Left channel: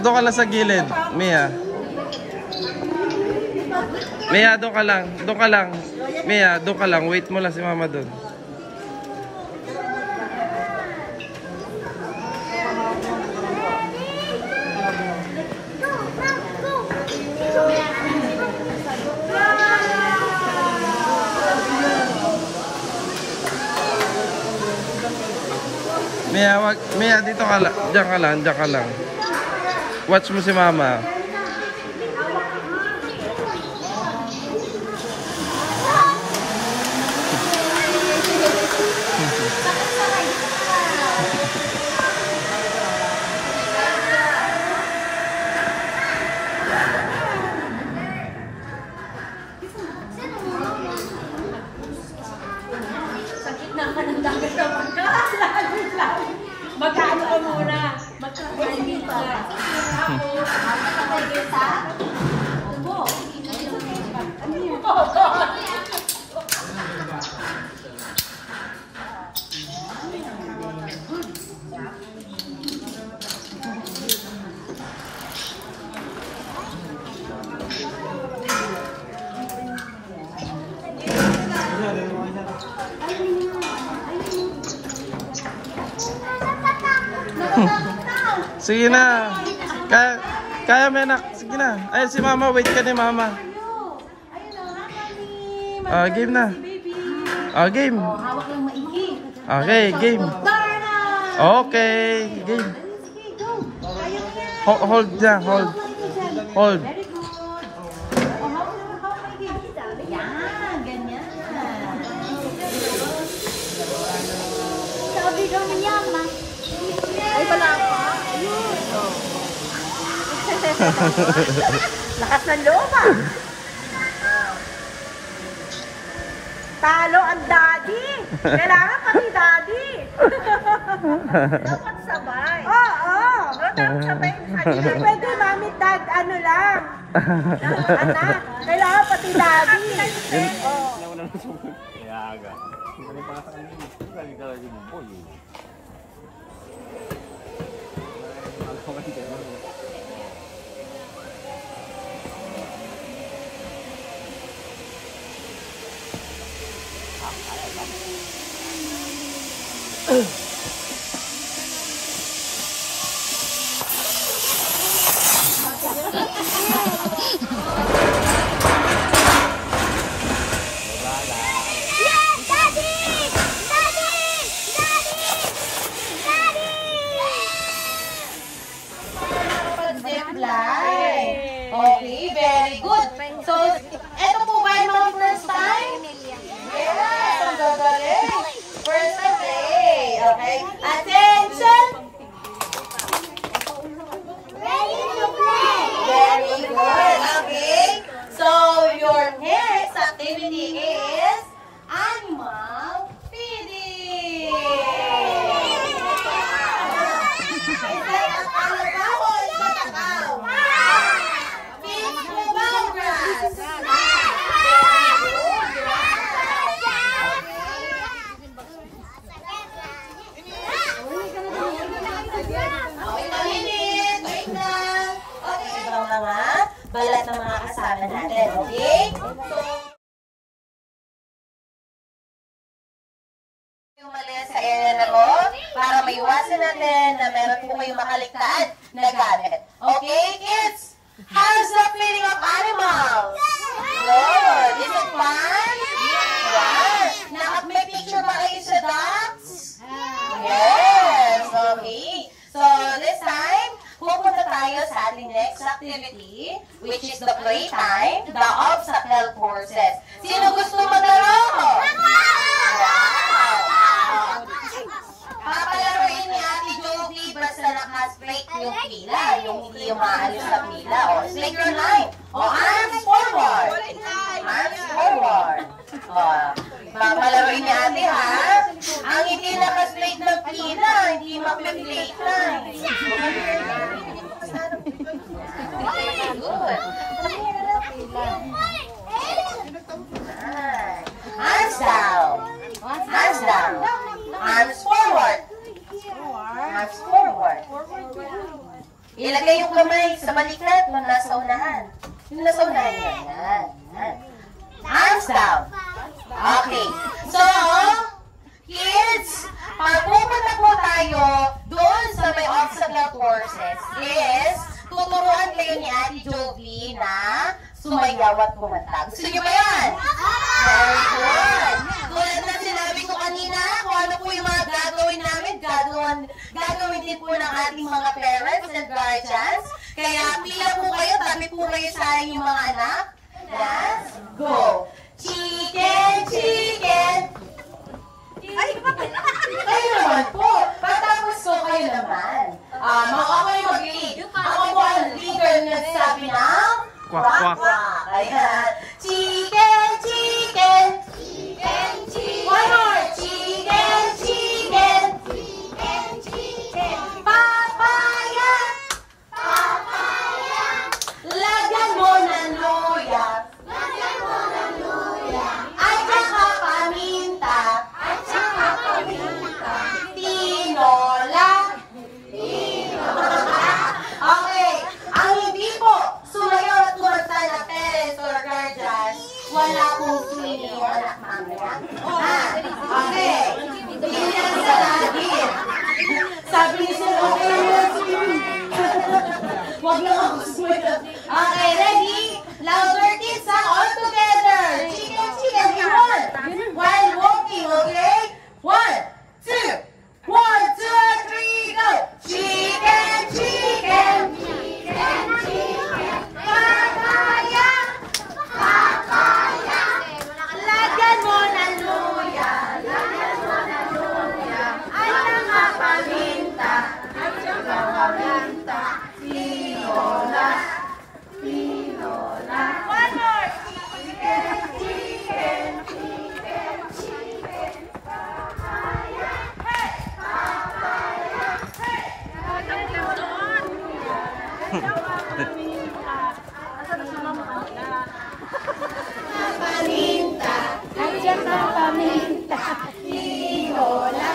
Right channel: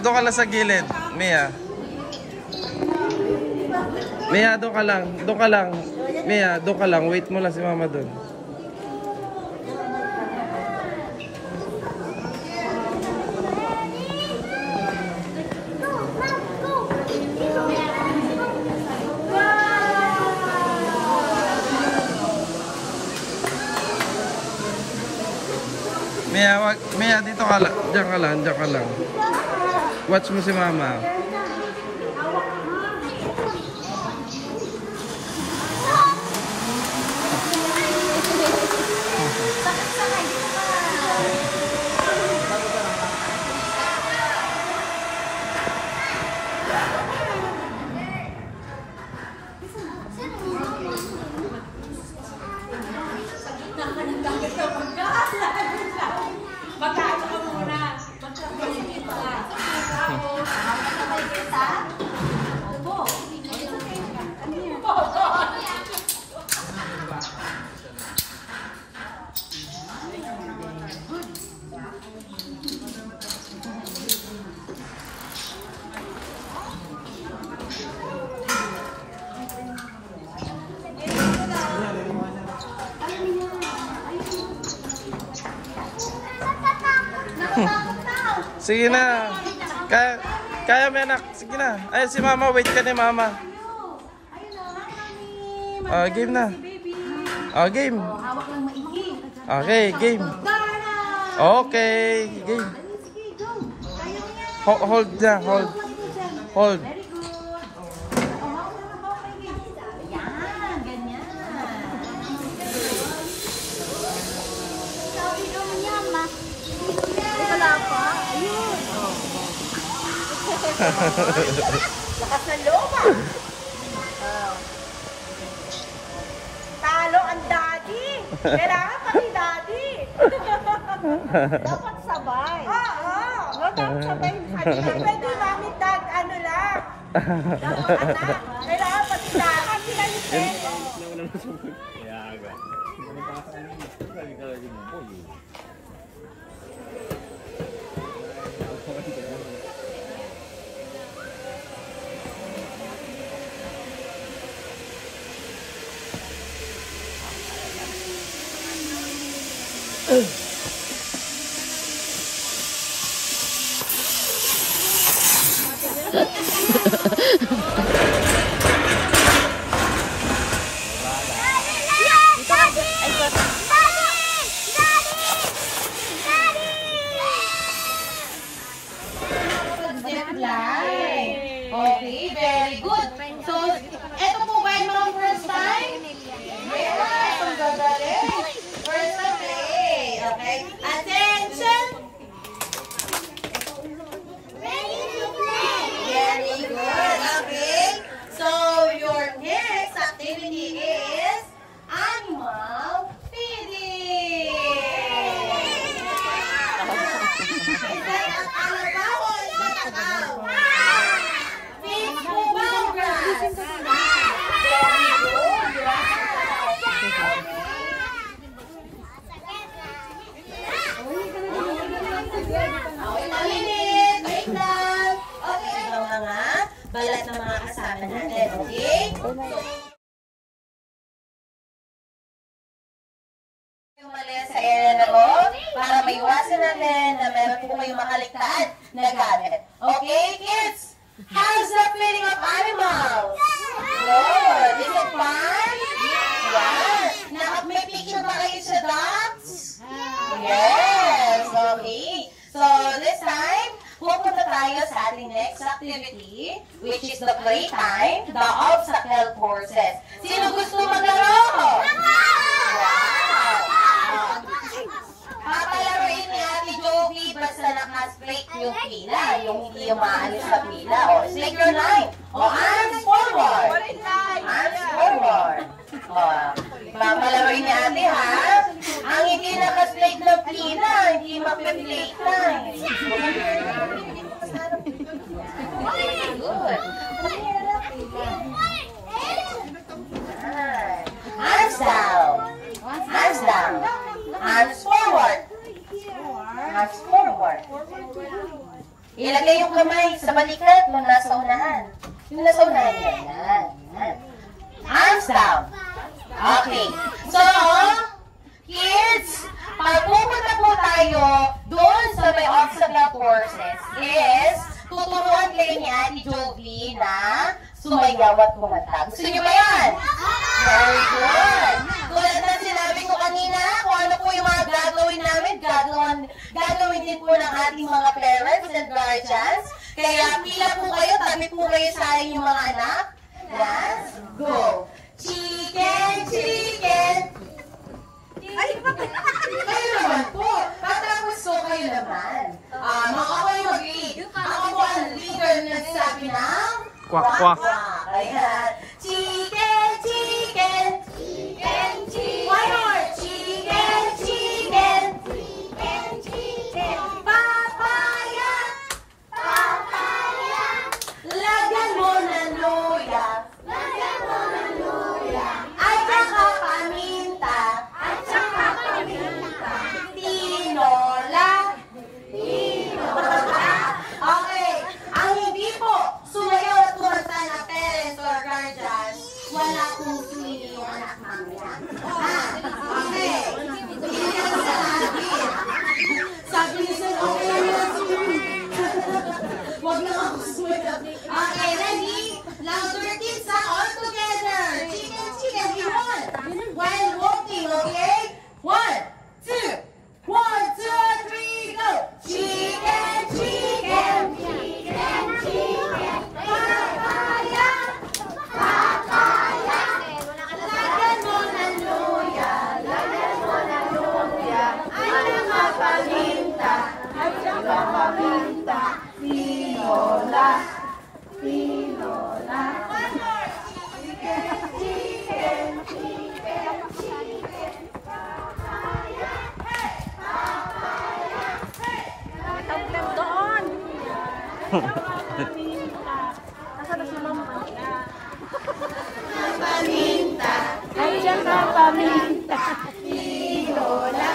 Doon ka lang sa gilid, Mia. Mia, doon ka lang. Doon ka lang. Mia, doon ka lang. Wait mo lang si mama doon. Mia, dito ka lang. Diyan ka lang, diyan ka lang. Watch mo si mama. Sige na. Kaya mo anak. Sige na. Ayun si mama. Wait ka ni mama. Game na. Game. Hawak lang maigi. Okay, game. Okay, game. Hold na, hold. Hold. Very good. Hawak maigi. Yan, ganyan. Sabi daw ni Yama. Ay, wala pa. Nakasaloma. Talo ang daddy. Kailangan pati daddy. Dapat sabay. Oo. Dapat sabay. Hindi pwede mami dad ano lang. Dapat anak. Kailangan pati daddy. Okay, very good. So, ito po ba yung mga first time? First time play. Okay. Attention! Ready to play. Very good. Okay. So, your next activity is animal feeding. Is that a kalabaw o matakaw? Fish po grass. Very good. Wait a minute. Wait lang. Okay, ito ang mga balat ng mga kasama natin. Okay? So, umalis sa area na to para maiwasan natin na meron po kayong makaliktad na gamit. Okay, kids? How's the feeding of animals? Good. Is it fun? Yeah. May picture ba kayo sa dogs? Yes. Okay. So, this time, pupunta tayo sa ating next activity, which is the playtime, the obstacle courses. Sino gusto maglaro? Papalaruin ni Ate Jovi basta naka-straight yung pila, yung hindi yung maalis sa pila. O, stick your line. O, arms forward. Arms forward. O, papalaruin ni Ate, ha? Ang hindi naka-straight na pila, hindi mapiplaytime. Good. Hands down. Hands down. Arms forward. kamay sa balikat nung nasa unahan. Yung nasa unahan yan. Yan. Hands down. Okay. So, kids, pag pupunta po tayo doon sa may obstacle courses is tuturuan kayo ni Ate Jovi na sumayaw at kumanta. Gusto niyo ba yan? Very good. Tulad na sinabi ko kanina, kung ano po yung mga gagawin namin, gagawin din po ng ating mga parents and guardians. Kaya pila po kayo, tabi po kayo sa inyong mga anak. Let's go. Chicken, chicken. Kayo naman po. Patapos ko kayo naman. Ako yung mag-lead. Ako po ang leader na sabi ng Kwak, kwak. Ayan. Chicken, chicken. Chicken, chicken. One more. Chicken, chicken. Chicken, chicken. Papaya. Papaya. Lagyan mo ng luya. Lagyan mo ng luya. At saka paminta. At saka paminta. Tinola. Tinola. Okay. Ang hindi po sumayaw at kumanta na parents or guardians, wala pong swing yung anak mamaya. Okay. Hindi lang sa akin. Sabi ni Sir, okay lang swing. Huwag lang ako sumayaw. Okay, ready? Louder kids ha, all together. Chicken, chicken, we want. While walking, okay? 1, 2, 1, 2, 3, go! Chicken, chicken, chicken, chicken. Papaya, papaya. Lagyan mo ng luya, lagyan mo ng luya. At saka paminta, at saka paminta. Tinola, tinola. One more. Chicken, chicken, chicken, chicken. Papaya, hey, papaya, hey. Lagyan mo ng luya, at saka paminta. Paminta, at saka paminta. Tinola.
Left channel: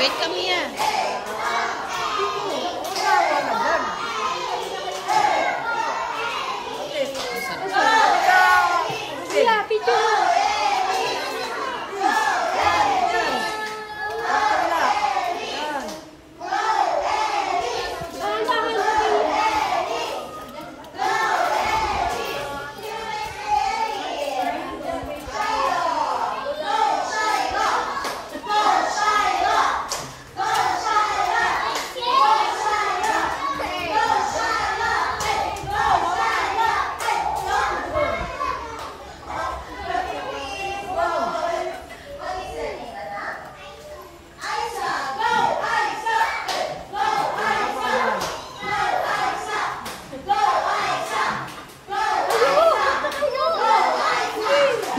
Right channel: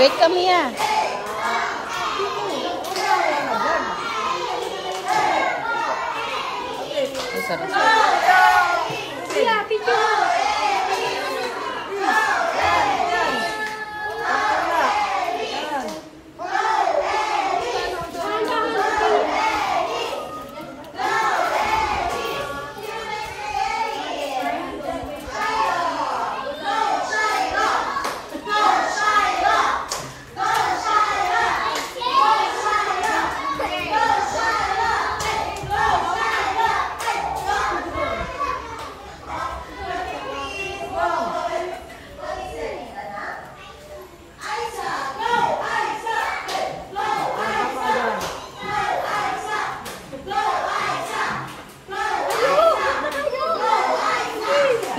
Wait kami ah. Sila, picture.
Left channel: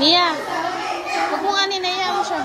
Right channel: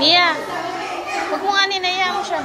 Mia, huwag mo nga ninaya mo siya.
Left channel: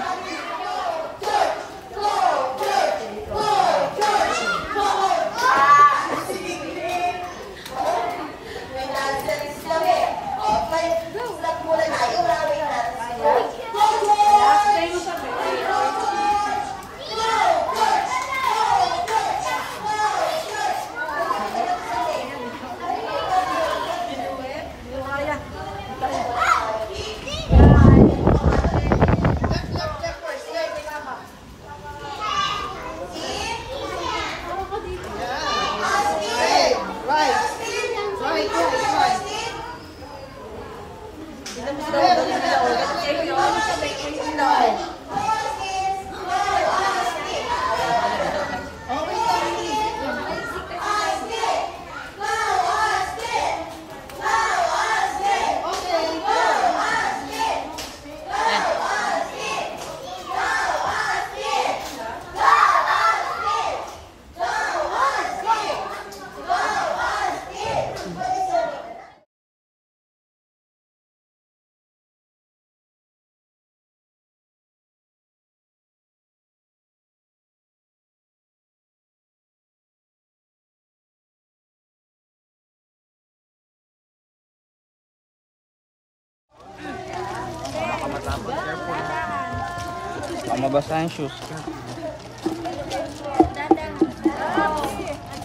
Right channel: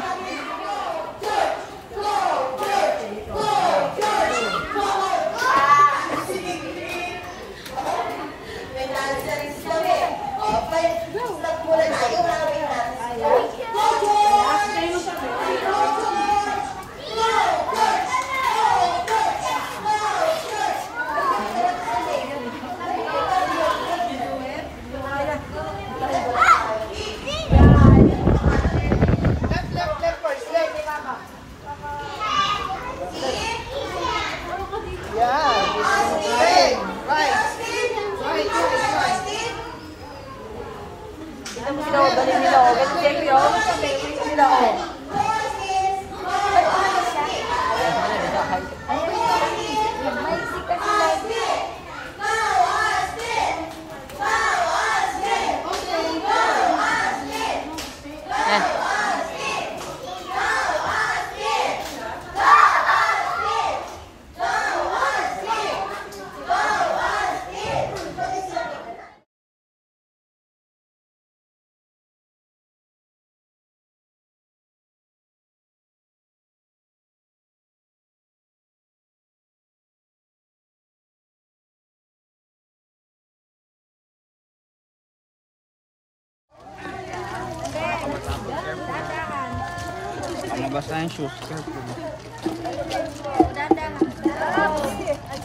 Nabasa yung shoes.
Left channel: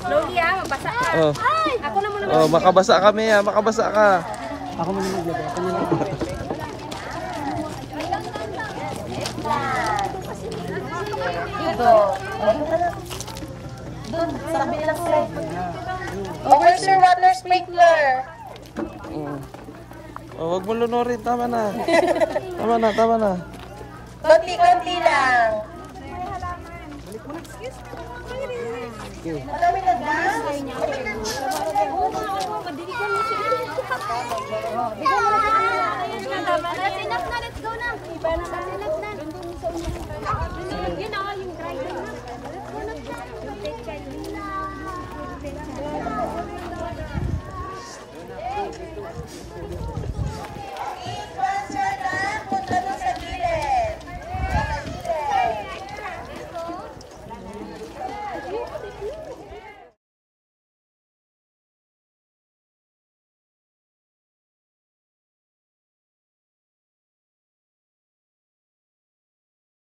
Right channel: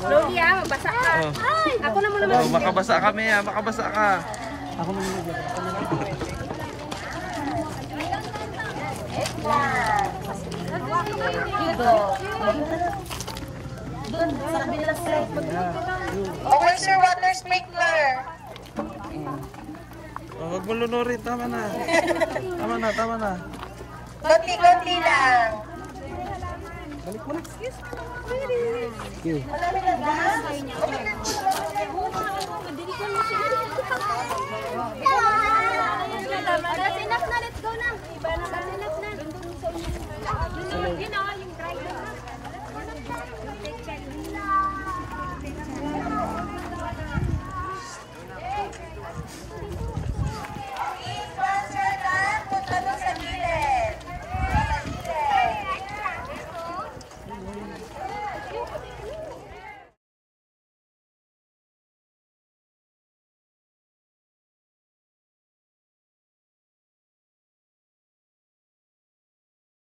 Slowly magbasa ka. Oh. Ako na muna. Oh, makabasa kami makabasa ka. Ako muna maglagay. Ako muna. Dito. Doon, sa kabilang side. Where's your water sprinkler? Oh, wag mo lunurin, tama na. Tama na. Konti-konti lang. Enough na, let's go na. Enough na. Yun ako yung try na.